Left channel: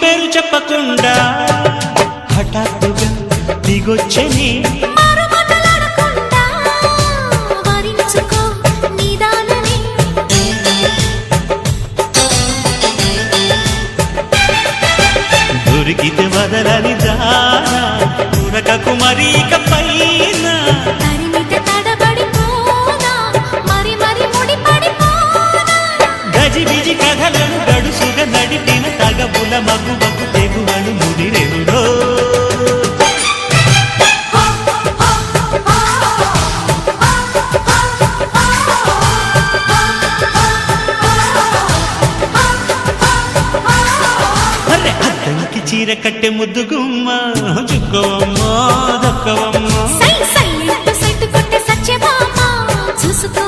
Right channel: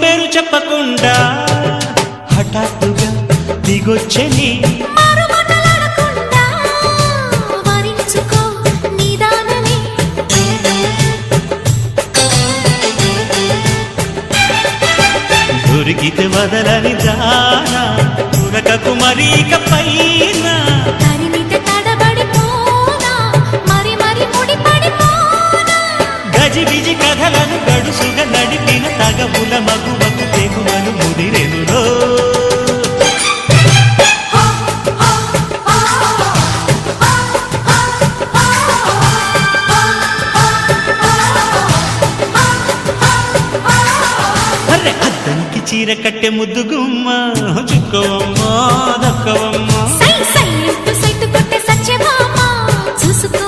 పేరు చెప్పకుండా హఠాత్తుగా దిగొచ్చని దొరికితే వదలని దానా ఉరకకు మరీక పైన తరిమితే తడబడిపోనా మరి మరి ముడిపడిపోనా గజిబిజి కథలను గడుసుగా నడిపిన తగబుల మగువకు తెగువను ముదిరెనురో అద్దంకి చీర కట్టె ముద్దు గుమ్మ చుక్కవమ్మా దక్కవమ్మా సై సై కొట్టే సత్యభామ చూసుకో